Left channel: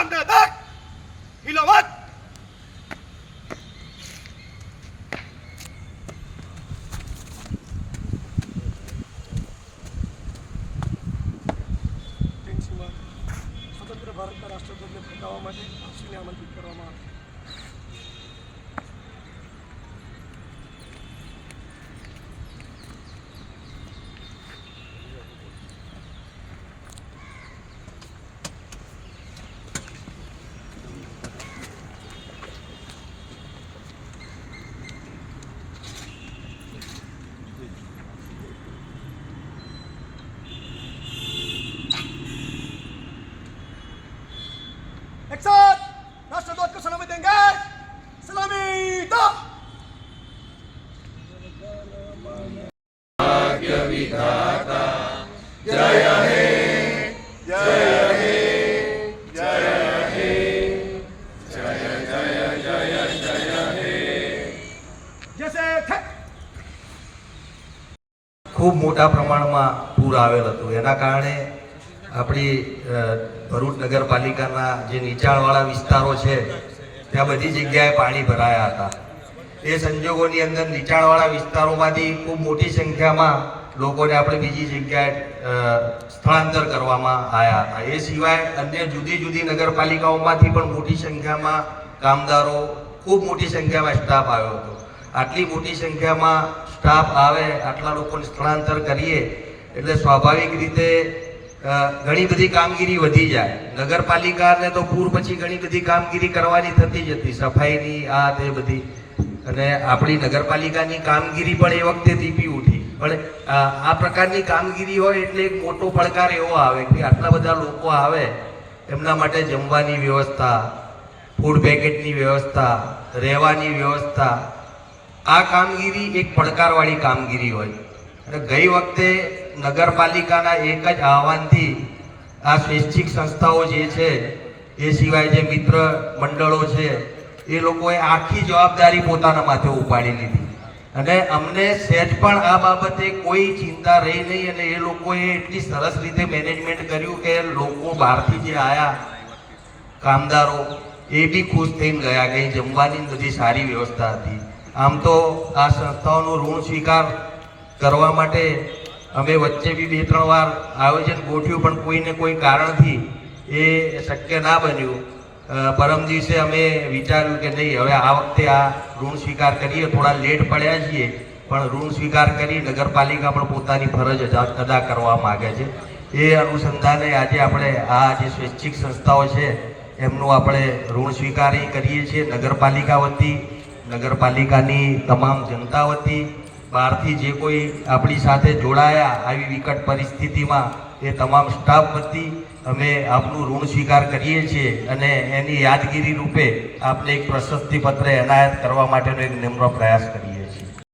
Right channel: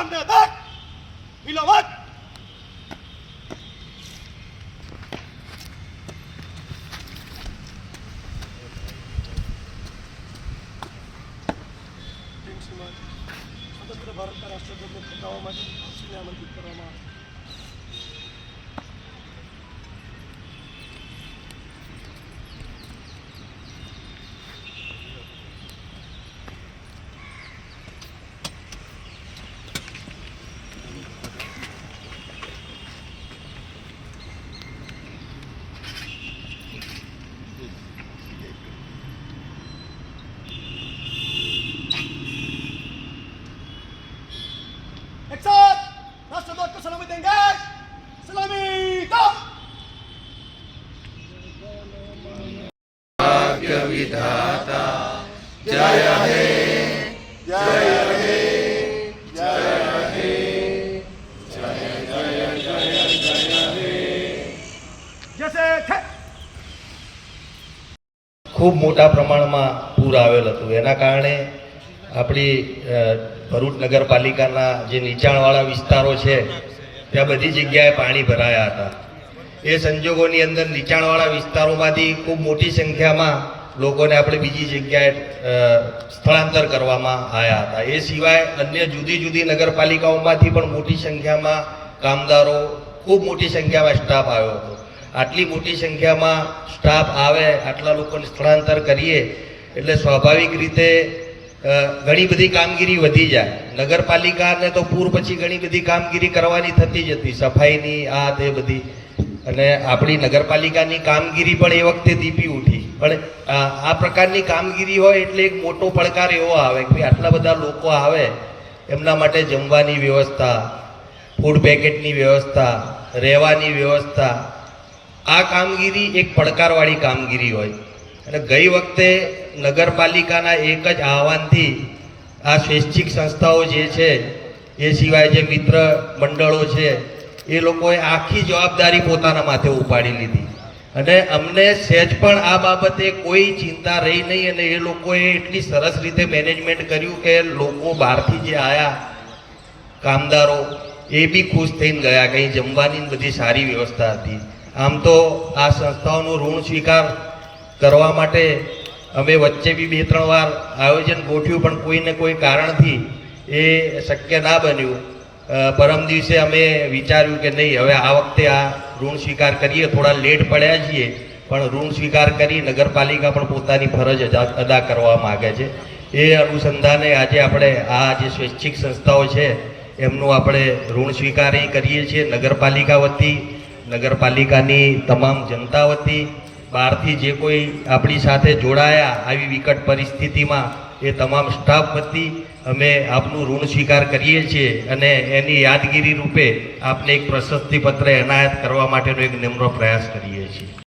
Stand back! ટેન્શનમાં સ્વતંત્ર ભારતના રાષ્ટ્રધ્વજને ફરકાવવા માટે આપશ્રીને આમંત્રિત કરવામાં આવે Tenggat Selami Top Bhagya Vidhata Jaya He Jaya He Jaya He Jaya Jaya Jaya Jaya He જશે ખૂબ મોટા પ્રમાણમાં પૂર આવેલ હતું એના કારણે આપણી ભરૂચ નગરપાલિકાના જે નીચાણવાળા વિસ્તારો છે ત્યાં બધી જગ્યાએ પાણી ભરાયા હતા. એ સંજોગોની અંદર નીચાણવાળા વિસ્તારોમાંથી ખૂબ મોટી સંખ્યામાં લોકોને આપણે બીજી જગ્યાએ સ્થળાંતર કરવામાં આવ્યા હતા. એ સિવાય અન્ય જુદી જુદી નગરપાલિકાઓમાંથી પણ મોટી સંખ્યામાં કામદારો, ખૂબ મોટી સંખ્યામાં સ્ટાફ આવ્યો હતો. આટલી મોટી સંખ્યામાં સ્ટાફ આવે, આટલા લોકોને સ્થળાંતર કરીએ, એટલે સ્વાભાવિક રીતે ઘણી બધી કામગીરી વધી જાય. નગરપાલિકાને તો પૂર પછી ઘણી બધી કામગીરી કરવાની થતી જ હતી. સફાઈની, આ તે બધી. અને આપણી નગરપાલિકાની કામગીરી પણ એ વખતે દીપી ઉઠી. પણ આ પ્રકારની કામગીરી હોય એટલે એક મોટો પડકાર એવો આવે કે આટલા બધા લોકો આવે, એમના માટે જમવાની વ્યવસ્થા ફૂડ પેકેટની વ્યવસ્થા, રહેવાની વ્યવસ્થા. આ કામગીરી એક પડકારવાળી કામગીરી હોય. અને ગઈ વખતે નગરપાલિકાના એક જ આહવાનથી આ સ્વૈચ્છિક સંસ્થાઓ જે છે, એ સિવાય જે મિત્ર મંડળો છે, એ લોકોએ આખી જવાબદારી પોતાના માથે ઉપાડી લીધી. અને અમને સહેજ પણ આ બાબતે કોઈ ચિંતા રહી નહીં અને એ લોકોએ એટલી સરસ રીતે મેનેજમેન્ટ કર્યું કે લોકો બહારથી જે આવ્યા કામદારો, એ બી ખુશ થઈને ગયા, કંઈ જમવાની બધી સારી વ્યવસ્થા હતી. આમ તો આ સંસ્થાઓનો ઋણ સ્વીકાર કરવા માટે અમે વચ્ચે બી બે ત્રણ વાર આયોજન ગોઠવ્યું, પણ કોઈને કોઈ કારણથી એ શક્ય ના બન્યું. પરમ દિવસે અમે વિચાર્યું કે નહીં, હવે આ વખતે આ ઋણ સ્વીકાર કરીએ, થોડા લેટ પડ્યા છીએ, પણ ઋણ સ્વીકાર કરી નગરપાલિકા પણ પોતાની ફરજ અદા કરવા માગે છે. એ અનુસંધાને આજે આપણે આ જે સ્વૈચ્છિક સંસ્થાઓ છે, એમનું આપણે ઋણ સ્વીકારી કરીએ છીએ. નગરપાલિકા વતી, નગરપાલિકાની તમામ જનતા વતી બહારથી જે કોઈ આપણી સાથે જોડાયા આવી વિકટ પરિસ્થિતિમાં, એ તમામ સ્ટાફ વતી અમે આપનું ઋણ સ્વીકાર કરીએ છીએ અને એની યાદગીરી રૂપે આપને એક પ્રશસ્તિપત્ર એનાયત કરવા માટેનો એક નિમ્ર પ્રયાસ કરીએ